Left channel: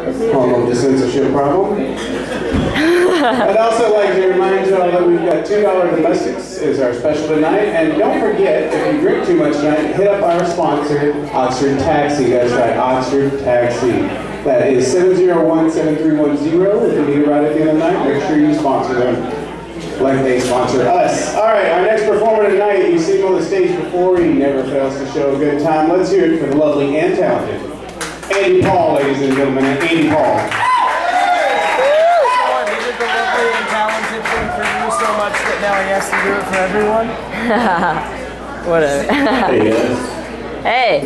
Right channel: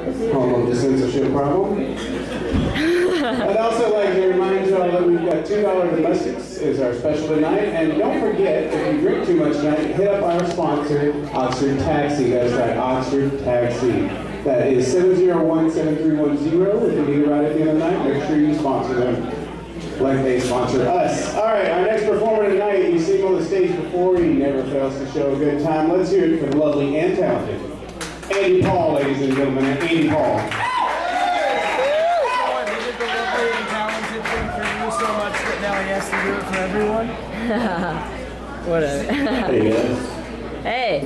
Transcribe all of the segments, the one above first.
Home of the censorship problem. I'd also like to remind you all that we've got $2 domestics is our special tonight. And don't forget, if you drink too much tonight, hit up our sponsor, Oxford Taxi. That's right, Oxford Taxi. That is 701-7310. If you need a ride at the end of the night, make sure you sponsor them like they sponsor us. All right, our next performer tonight, you've seen him on the stage before. He never fails to show a good time. Let's hear it for the lovely and talented Andy Paul, ladies and gentlemen. Andy Paul. He did the lovely and talented thing for you so much that now he has to do it for everyone. Whatever. Hey guys. Hey.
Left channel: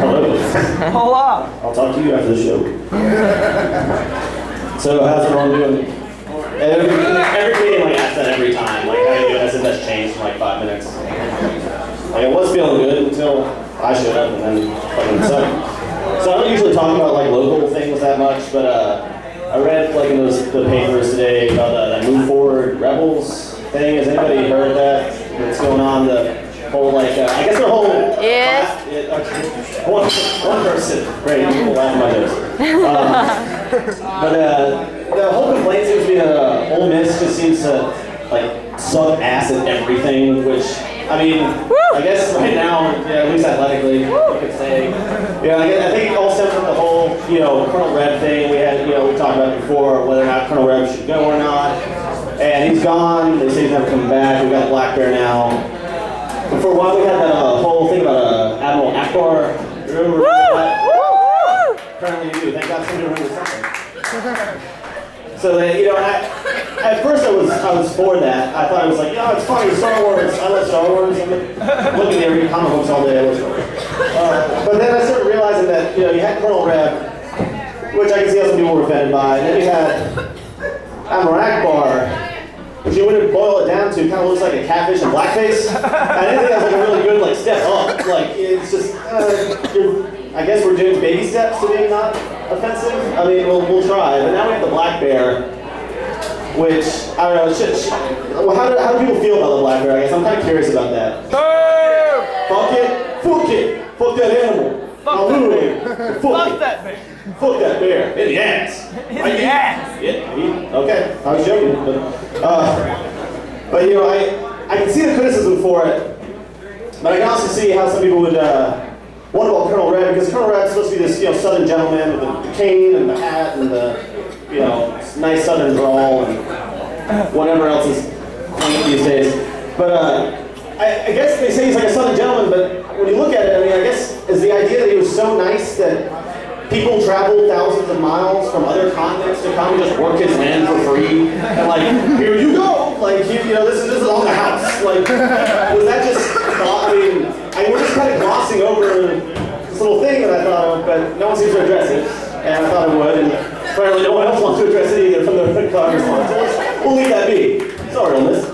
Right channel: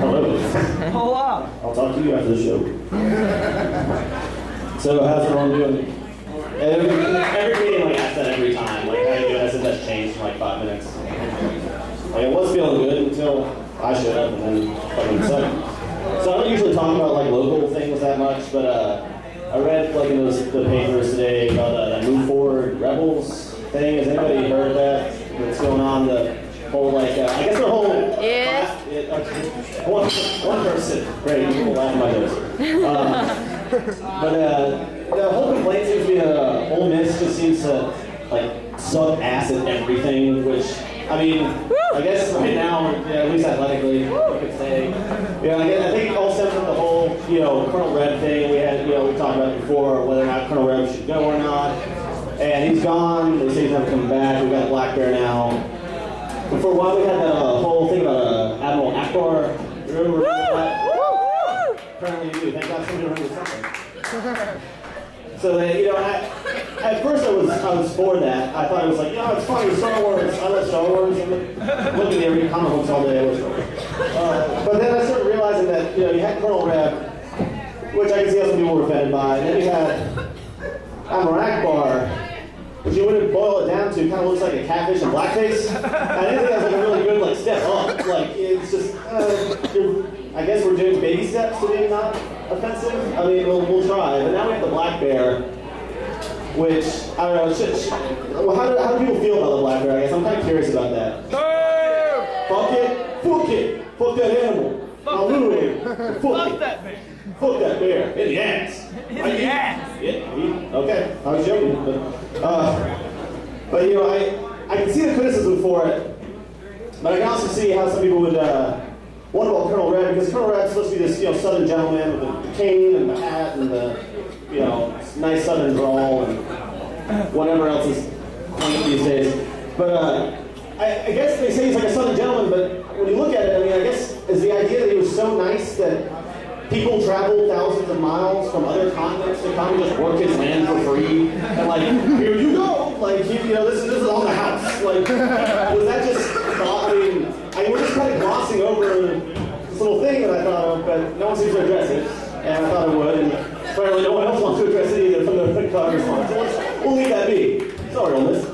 Hello. Hola. I'll talk to you after the show. So how's everyone doing? Every meeting like asks that every time. Like how you doing? I said that's changed in like 5 minutes. Like I was feeling good until I showed up and then fucking sucked. So I don't usually talk about like local things that much, but I read like in the papers today about that Move Forward Rebels thing. Has anybody heard that? What's going on? The whole like I guess their whole Yes. One person. Great, people laugh at my jokes. But the whole complaint seems to be Ole Miss just seems to like suck ass at everything, which I mean, I guess right now, yeah, at least athletically, you could say, yeah, I think it all stems from the whole, Colonel Reb thing. We talked about before whether or not Colonel Reb should go or not, and he's gone. They say he's never coming back. We've got Black Bear now. But for a while, we had that whole thing about Admiral Akbar. You remember that? Apparently you do. Thank God somebody remembers something. So that, at first I was for that. I thought it was like, it's funny, Star Wars. I love Star Wars. I'm looking at every comic books all day. I love Star Wars. But then I started realizing that, you had Colonel Reb, which I can see how some people were offended by. And then you had Admiral Akbar, which you wouldn't boil it down to, kind of looks like a catfish and blackface. I didn't think that was like a really good step up. Like it's just, I guess we're doing baby steps to being not offensive. I mean, we'll try. But now we have the Black Bear, which I don't know. How do people feel about the Black Bear? I guess I'm kind of curious about that. Fuck it, fuck that animal. Literally, fuck that bear. Fuck that bear in the ass. In the ass. Yeah. Okay. I was joking, but I can see the criticism for it, but I can also see how some people would wonder about Colonel Reb, because Colonel Reb's supposed to be this Southern gentleman with the cane and the hat and the nice Southern drawl and whatever else is quaint these days. But I guess they say he's like a Southern gentleman, but when you look at it, I mean, I guess is the idea that he was so nice that people traveled thousands of miles from other continents to come and just work his land for free, and here you go, this is on the house. Was that just? I mean, we're just kind of glossing over this little thing that I thought of, but no one seems to address it, and I thought it would, and apparently no one else wants to address it either from the Congress line. So we'll leave that be. Sorry on this.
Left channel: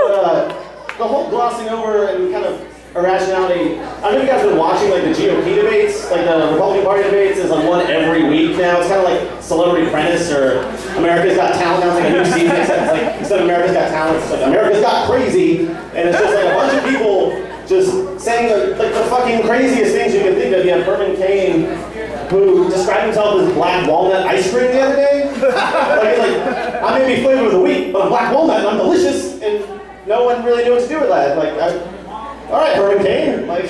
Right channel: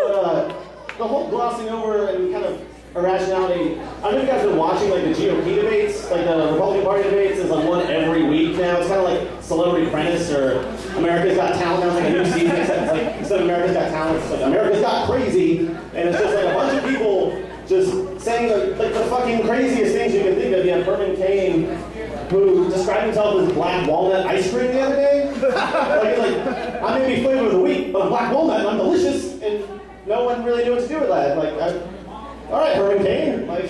But the whole glossing over and kind of irrationality. I don't know if you guys have been watching the GOP debates, the Republican Party debates is one every week now. It's kind of like Celebrity Apprentice or America's Got Talent. Now it's like a new season, except instead of America's Got Talent, it's like America's Got Crazy, and it's just a bunch of people just saying the fucking craziest things you can think of. You have Herman Cain, who described himself as black walnut ice cream the other day. I may be flavor of the week, but I'm black walnut and I'm delicious, and no one really knew what to do with that. All right, Herman Cain, I'll be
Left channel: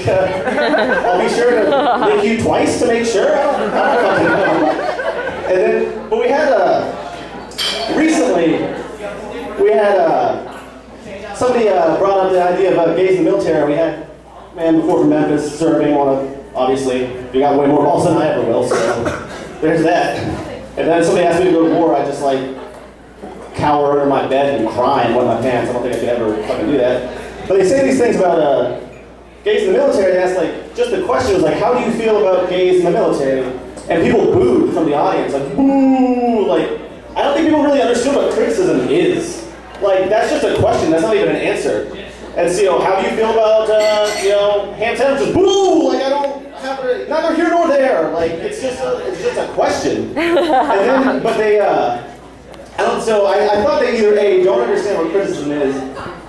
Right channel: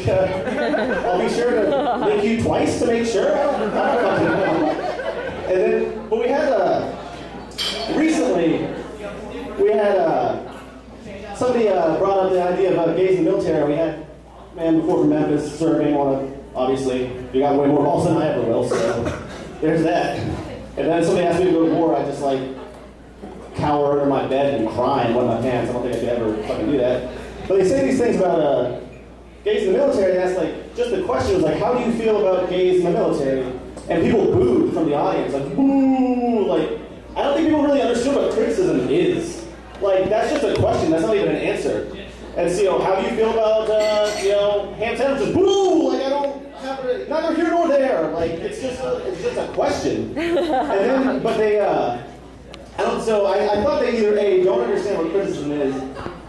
sure to link you twice to make sure. I don't fucking know. And then, but we had, recently, somebody brought up the idea of gays in the military. We had a man before from Memphis serving obviously, you got way more balls than I ever will, so there's that. And then somebody asked me to go to war, I just cower under my bed and cry and wet my pants. I don't think I could ever fucking do that. But they say these things about gays in the military. They ask just the question was how do you feel about gays in the military? And people booed from the audience, boo! I don't think people really understood what criticism is. That's just a question. That's not even an answer. And so, how do you feel about ham sandwiches? Boo! I don't have neither here nor there. It's just a question. And then, but they So I thought they either A, don't understand what criticism is,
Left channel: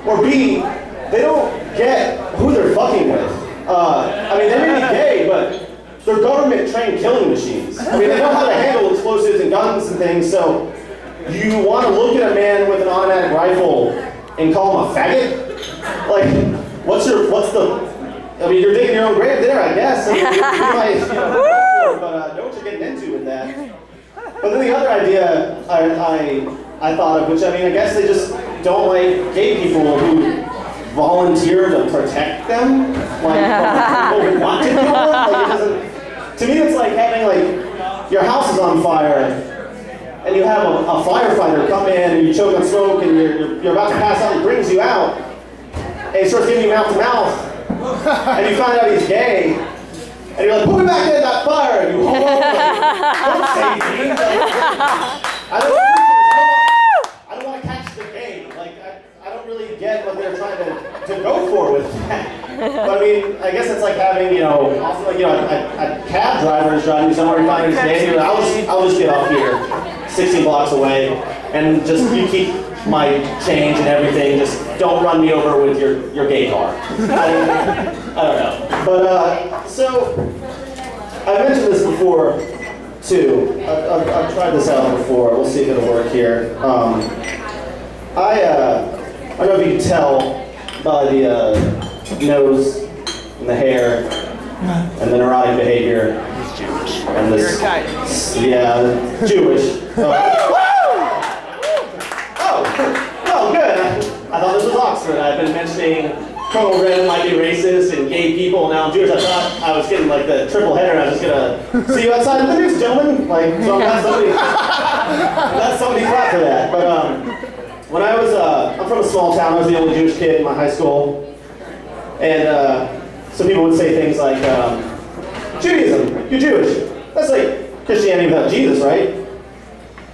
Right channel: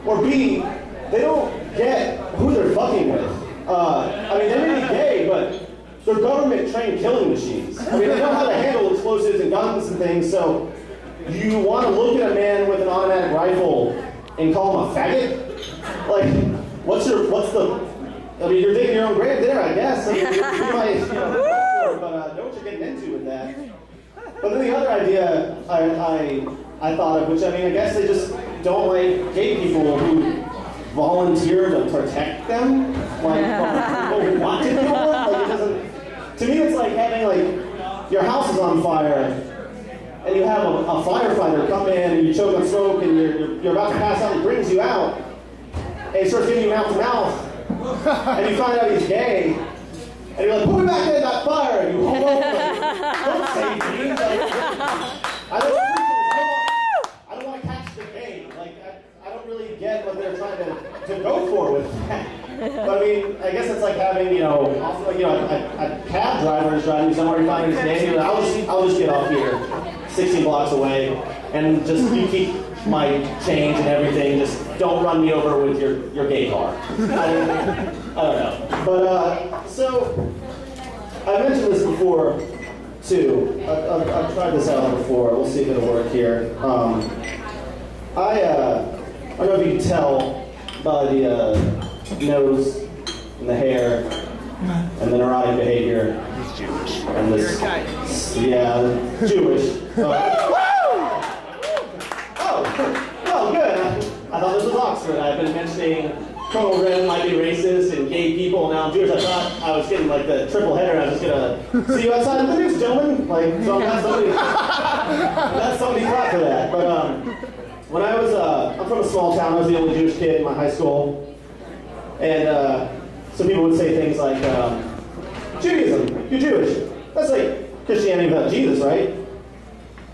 or B, they don't get who they're fucking with. I mean, they may be gay, but they're government-trained killing machines. I mean, they know how to handle explosives and guns and things, so you want to look at a man with an automatic rifle and call him a faggot? Like, what's the, I mean, you're digging your own grave there, I guess. I mean, you might, but know what you're getting into with that. But then the other idea I thought of, which I mean, I guess they just don't like gay people who volunteer to protect them, like people who want to kill them. Like, it doesn't, to me, it's like having like your house is on fire, and you have a firefighter come in and you choke on smoke, and you're about to pass out. He brings you out, and he starts giving you mouth to mouth, and you find out he's gay, and you're like, put me back in that fire, and you hold on, like, don't save me. Like, I don't want to catch the game. Like, I don't really get what they're trying to go for with that. But I mean, I guess it's like having, you know, also like, you know, a cab driver is driving somewhere, you find he's gay, I'll just get off here 16 blocks away, and just you keep my change and everything, just don't run me over with your gay car. I don't know. But, so, I mentioned this before, too. I've tried this out before. We'll see if it'll work here. I don't know if you can tell by the nose and the hair and the neurotic behavior. He's Jewish. And this, yeah, Jewish. Oh, good. I thought this was Oxford. I've been mentioning Colonel Wren might be racist and gay people, and now I'm Jewish. I thought I was getting like the triple header, and I was just gonna see you outside of the news, gentlemen. Like, so I'm glad somebody clapped for that. But when I was, I'm from a small town. I was the only Jewish kid in my high school, and some people would say things like, Judaism, you're Jewish. That's like Christianity without Jesus, right?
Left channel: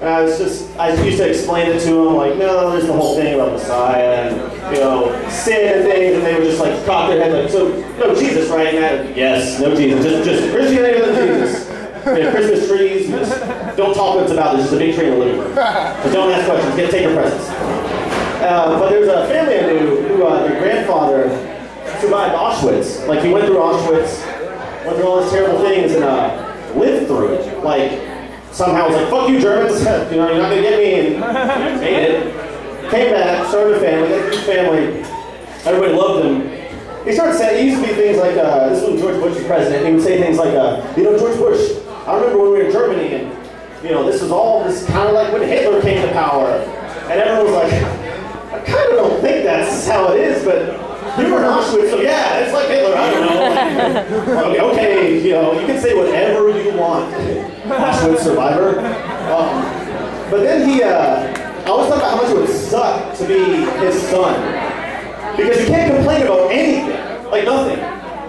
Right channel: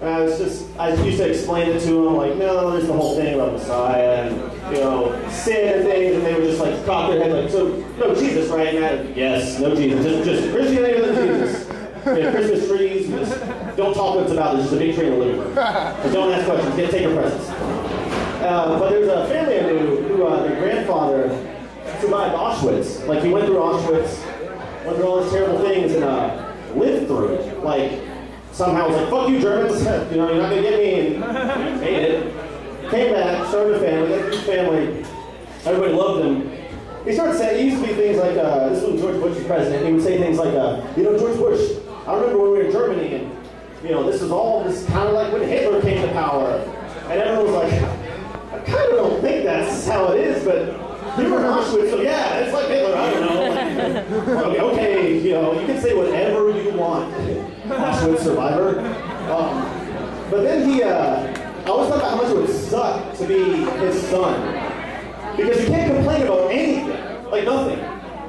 And I used to explain it to them, like, no, there's the whole thing about Messiah and, you know, sin and things, and they would just like cock their head like, so, no Jesus, right? And I, yes, no Jesus, just Christianity without Jesus. We have Christmas trees, you just don't talk what's about, there's just a big tree in the living room. But don't ask questions, take your presents. But there's a family I knew who, their grandfather survived Auschwitz. Like, he went through Auschwitz, went through all these terrible things, and lived through it. Like, somehow was like, fuck you Germans, you know, you're not gonna get me, and made it. Came back, started a family, got a huge family, everybody loved him. He started saying, he used to be things like, this was when George Bush was president, he would say things like, you know, George Bush, I remember when we were in Germany, and, you know, this kind of like when Hitler came to power. And everyone was like, I kind of don't think that's how it is, but you were in Auschwitz, so yeah, it's like Hitler, I don't know. Like, okay, you know, you can say whatever you want, Auschwitz survivor. But then I always thought about how much it would suck to be his son. Because you can't complain about anything, like nothing.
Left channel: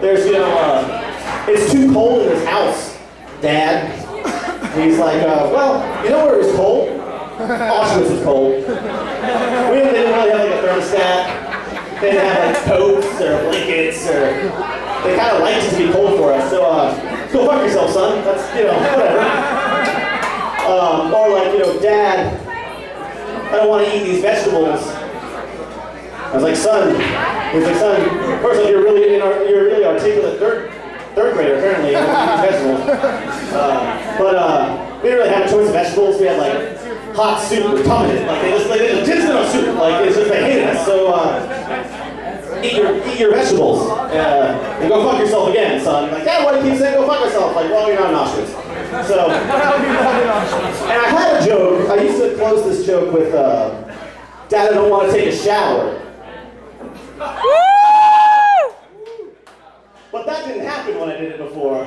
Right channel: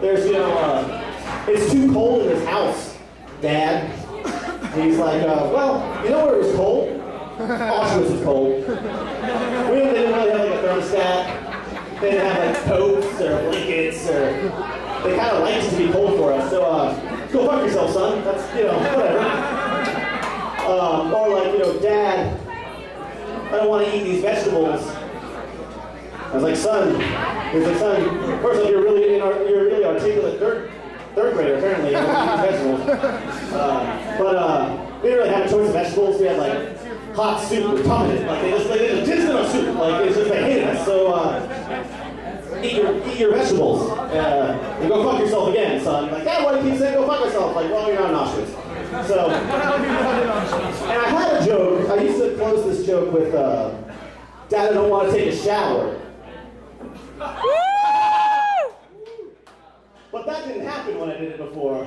There's, you know, it's too cold in his house, Dad. And he's like, well, you know where it was cold? Auschwitz was cold. They didn't really have like a thermostat. They didn't have like coats or blankets, or they kind of liked it to be cold for us. So go fuck yourself, son. That's, you know, whatever. Or like, you know, Dad, I don't want to eat these vegetables. I was like, son. He was like, son. First of all, you're really articulate third grader apparently. You eat vegetables. We didn't really have a choice of vegetables. We had like hot soup with tum in it. Like they just didn't know soup. Like it's just they hated us. So eat your vegetables and go fuck yourself again, son. Like, Dad, why do you keep saying go fuck yourself? Like, well, you're not in Auschwitz. So, and I had a joke. I used to close this joke with, Dad, I don't want to take a shower. But that didn't happen when I did it before.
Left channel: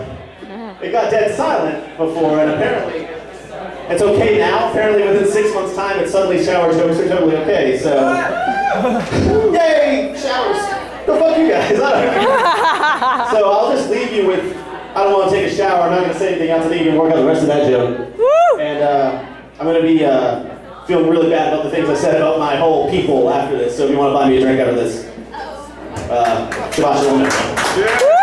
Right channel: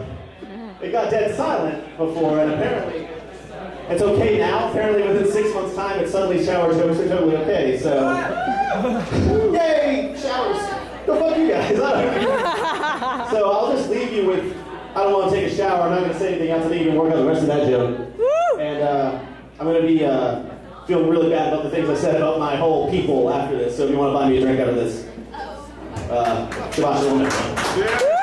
It got dead silent before, and apparently it's okay now. Apparently within 6 months' time, it's suddenly shower jokes are totally okay. So, yay, showers. Go fuck you guys. I don't know. So I'll just leave you with, I don't want to take a shower. I'm not going to say anything else. I think you can work out the rest of that joke. And I'm going to be feeling really bad about the things I said about my whole people after this. So if you want to buy me a drink after this, Shabbat Shalom.